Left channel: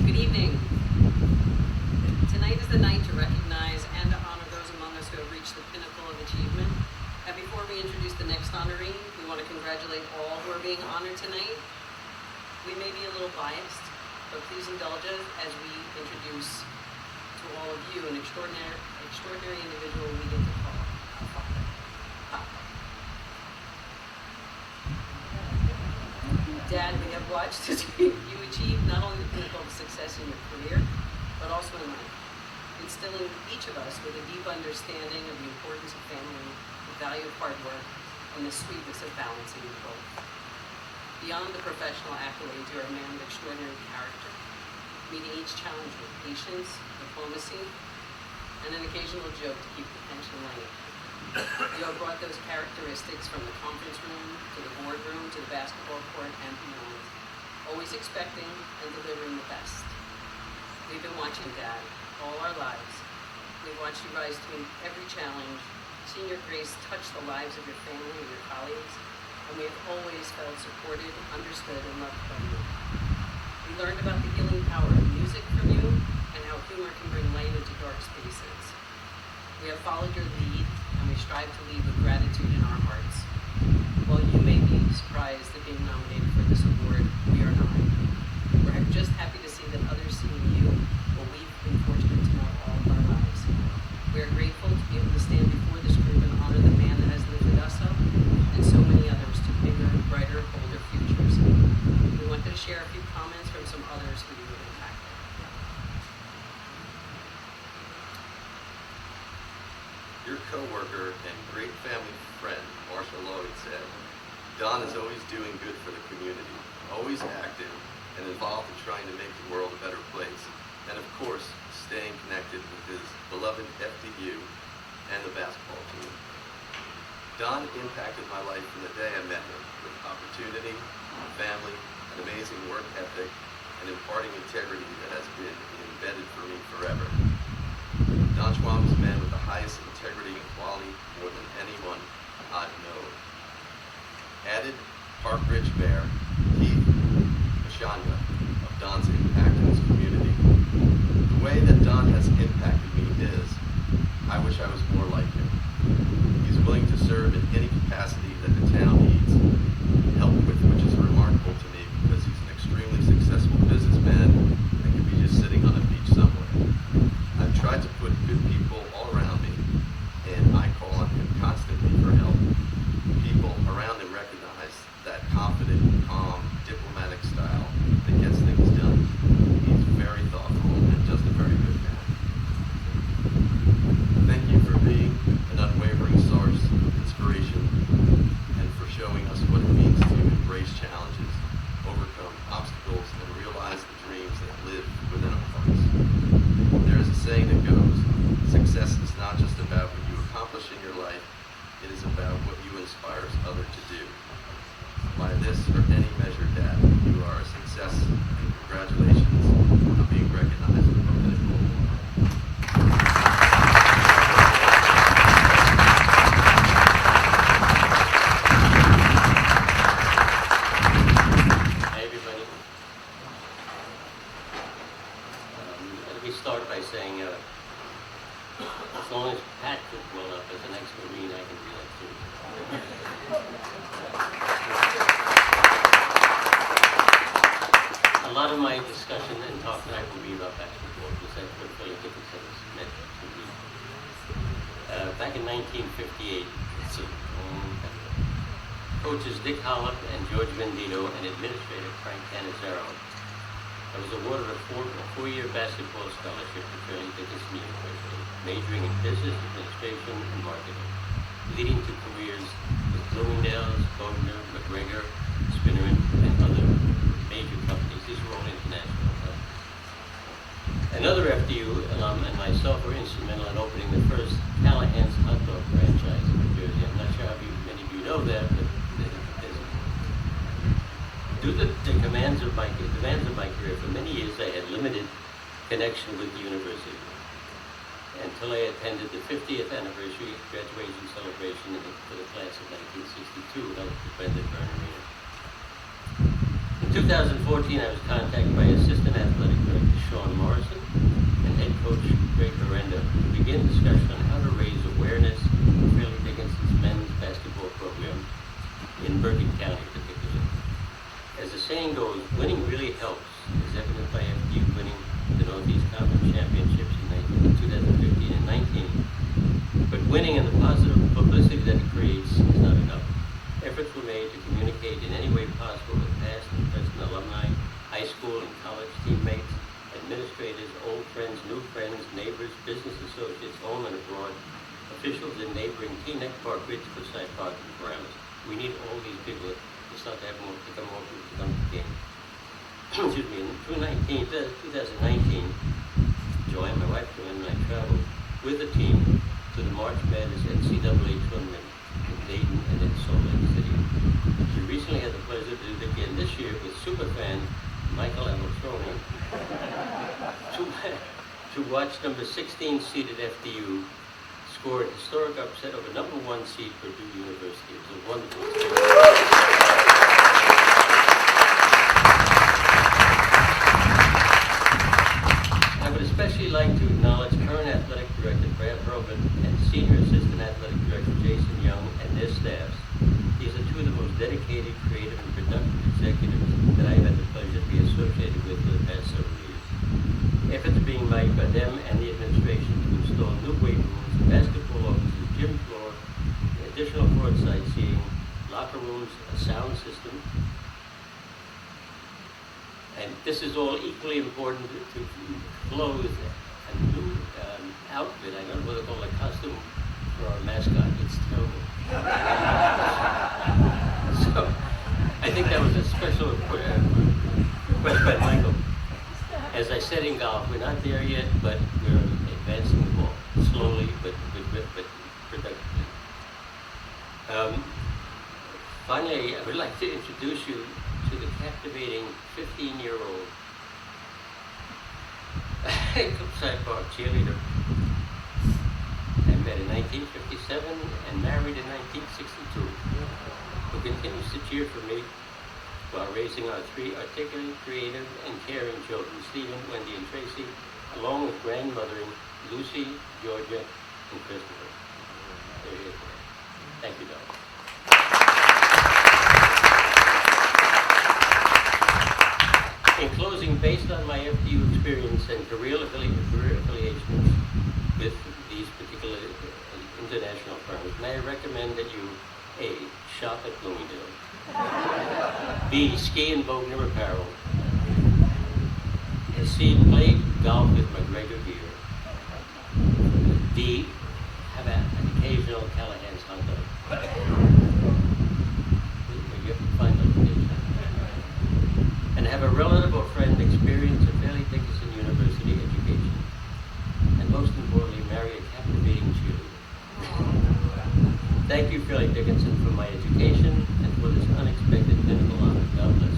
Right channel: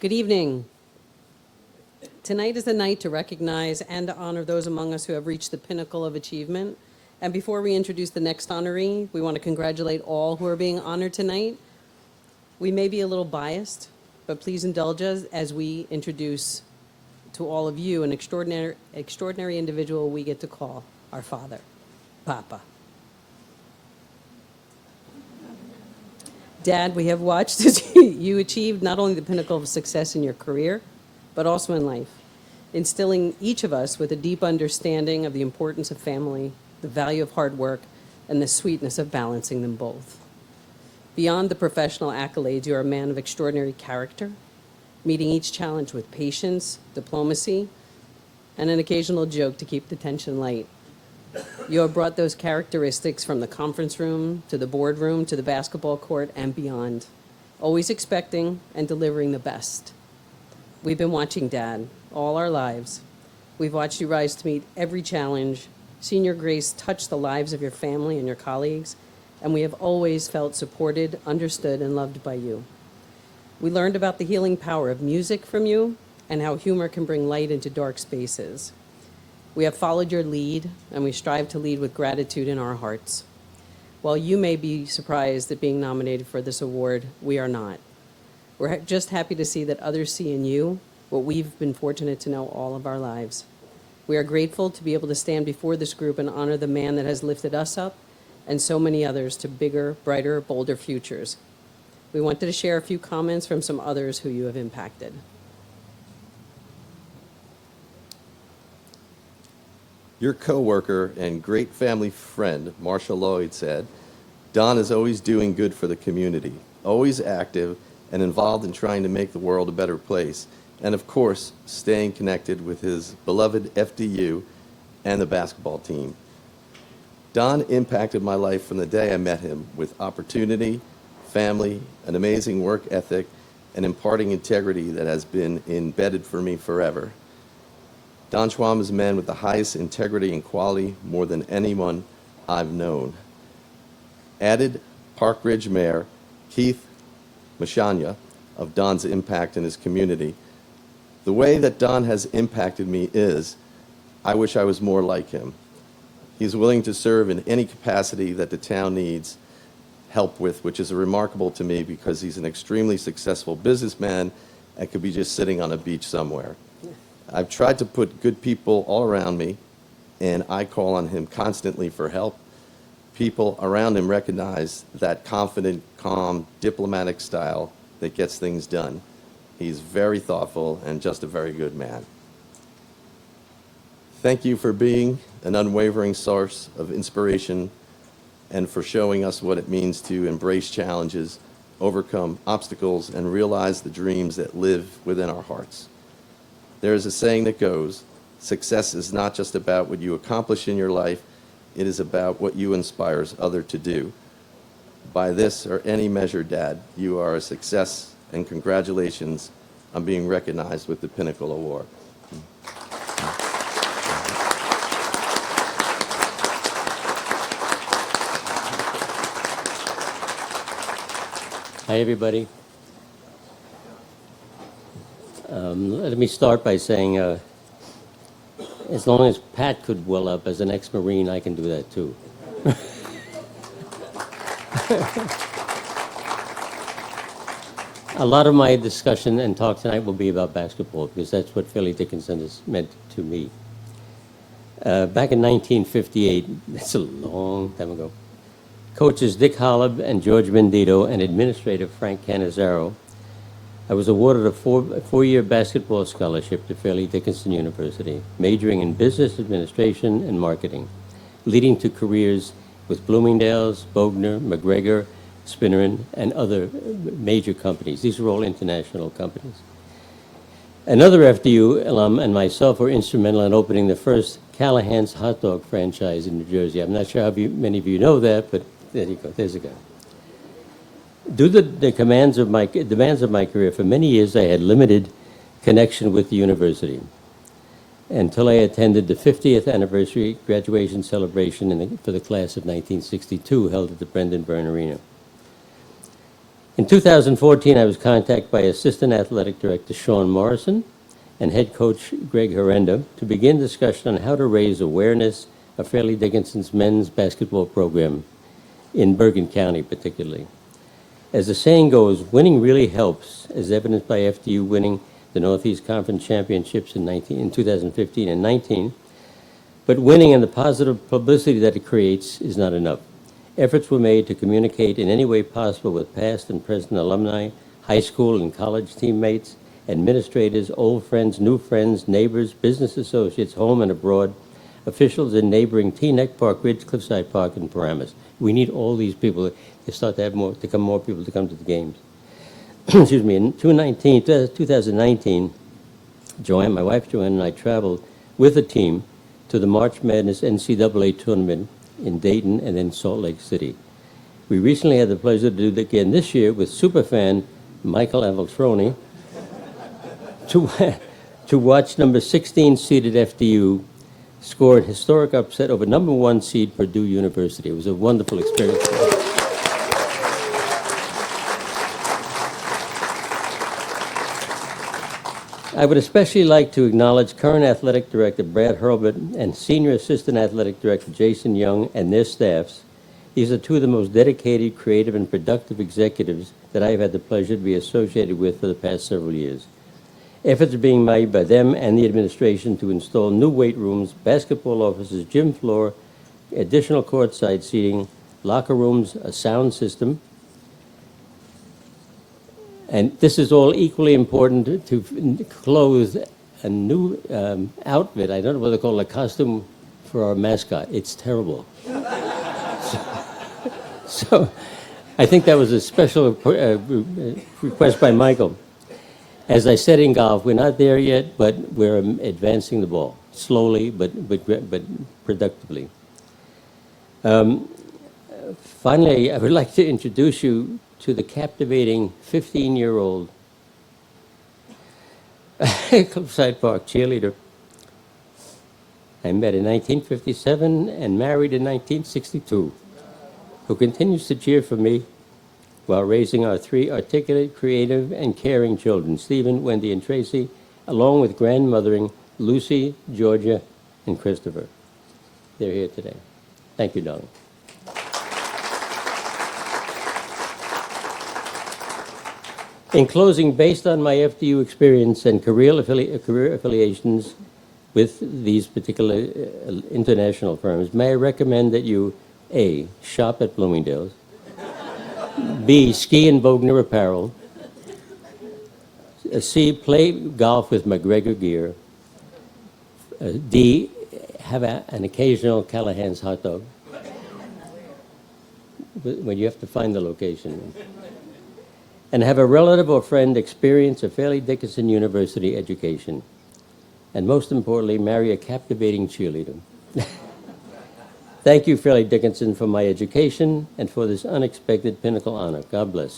Good evening. Tonight is the night to recognize and to honor those among us who have reached the pinnacle of achievement. And before we introduce the next honoree, we want to congratulate all who are being honored tonight. We may be a little biased, but please indulge us as we introduce to all of you an extraordinary individual we get to call our father, Papa. Dad, we have watched as you achieve not only the pinnacle of success in your career, but also in life, instilling each of us with a deep understanding of the importance of family, the value of hard work, and the sweetness of balancing them both. Beyond the professional accolades, you are a man of extraordinary character, meeting each challenge with patience, diplomacy, and an occasional joke to keep the tension light. You have brought those characteristics from the conference room, to the boardroom, to the basketball court, and beyond, always expecting and delivering the best. We've been watching Dad all our lives. We've watched you rise to meet every challenge, seen your grace touch the lives of your family and your colleagues, and we have always felt supported, understood, and loved by you. We learned about the healing power of music from you and how humor can bring light into dark spaces. We have followed your lead, and we strive to lead with gratitude in our hearts. While you may be surprised at being nominated for this award, we are not. We're just happy to see that others see in you what we've been fortunate to know all of our lives. We are grateful to be able to stand before this group and honor the man that has lifted us up and so many others to bigger, brighter, bolder futures. We wanted to share a few comments from some others who you have impacted. Your coworker and great family friend, Marsha Lloyd, said, "Don is always doing good for the community, always active and involved in trying to make the world a better place, and of course, staying connected with his beloved FDU and the basketball team." Don impacted my life from the day I met him with opportunity, family, an amazing work ethic, and imparting integrity that has been embedded for me forever. Don Schwamb is a man with the highest integrity and quality more than anyone I've known. Added Park Ridge Mayor Keith Mashanya of Don's impact in his community. The way that Don has impacted me is, I wish I was more like him. He's willing to serve in any capacity that the town needs help with, which is remarkable to me because he's an extremely successful businessman that could be just sitting on the beach somewhere. I've tried to put good people all around me, and I call on him constantly for help. People around him recognize that confident, calm, diplomatic style that gets things done. He's very thoughtful and just a very good man. Thank you for being an unwavering source of inspiration and for showing us what it means to embrace challenges, overcome obstacles, and realize the dreams that live within our hearts. There's a saying that goes, success is not just about what you accomplish in your life, it is about what you inspires others to do. By this or any measure, Dad, you are a success, and congratulations on being recognized with the Pinnacle Award. Hi, everybody. Let me start by saying, as long as Pat could well up as an ex-Marine, I can do that too. A lot of my discussion and talk tonight will be about basketball because that's what Fairleigh Dickinson has meant to me. Back in 1958, that's a long time ago, coaches Dick Holub and George Mendito and administrator Frank Canizzaro, I was awarded a four-year basketball scholarship to Fairleigh Dickinson University, majoring in business administration and marketing, leading to careers with Bloomingdale's, Bogner, McGregor, Spinner, and other major companies. These are all international companies. Another FDU alum and myself were instrumental in opening the first Callahan's hot dog franchise in New Jersey. I'm not sure how many of you know that, but there's a guy. Due to the demands of my career, for many years I had limited connection with the university until I attended the 50th anniversary graduation celebration for the class of 1962 held at the Brendan Byrne Arena. In 2014, I was contacted by Assistant Athletic Director Sean Morrison and Head Coach Greg Herenda to begin discussion on how to raise awareness of Fairleigh Dickinson's men's basketball program in Bergen County particularly. As the saying goes, winning really helps, as evidenced by FDU winning the Northeast Conference Championships in 2015 and 19. But winning and the positive publicity that it creates is not enough. Efforts were made to communicate in any way possible with past and present alumni, high school and college teammates, administrators, old friends, new friends, neighbors, business associates, home and abroad, officials in neighboring Teaneck Park, Ridge, Cliffside Park, and Paramus. We need all these people to start to have more people to come to the games. Excuse me. In 2019, Joanne, my wife Joanne, and I traveled with the team to the March Madness NCAA tournament in Dayton and then Salt Lake City. We recently had the pleasure to do it again this year with superfan Michael Avaltroni to watch number 16 seeded FDU score a historic upset over number 1 seed Purdue University. It was a wonderful experience. I would especially like to acknowledge current Athletic Director Brad Hurlbut and Senior Assistant Athletic Director Jason Young and their staffs. These are two of the most dedicated, creative, and productive executives that I've had the pleasure to be associated with for the past several years. Efforts are being made by them and the administration to install new weight rooms, basketball offices, gym floor, additional courtside seating, locker rooms, a sound system. And this is all equally important to clothe a new outfit. I don't know what they call a costume for our mascot. It's terrible. So I think that was a special request by Michael. As I said in golf, we're not there yet, but we're advancing the ball slowly, but productively. Finally, I would like to introduce you to the captivating 15-year-old Cliffside Park cheerleader. I met in 1957 and married in 1962, who continues to cheer for me while raising our 3 articulate, creative, and caring children, Stephen, Wendy, and Tracy, along with grandmothering Lucy, Georgia, and Christopher. They're here today. Thank you, darling. In closing, based on my FDU experience and career affiliations with these particular international firms, may I recommend that you, A, shop at Bloomingdale's, B, ski in Bogner apparel, C, play golf with McGregor gear, D, have an occasional Callahan's hot dog, when you have to find the location, and have a relative or friend experience a Fairleigh Dickinson University education, and most importantly, marry a captivating cheerleader. Thank you, Fairleigh Dickinson, for my education and for this unexpected Pinnacle honor. God bless.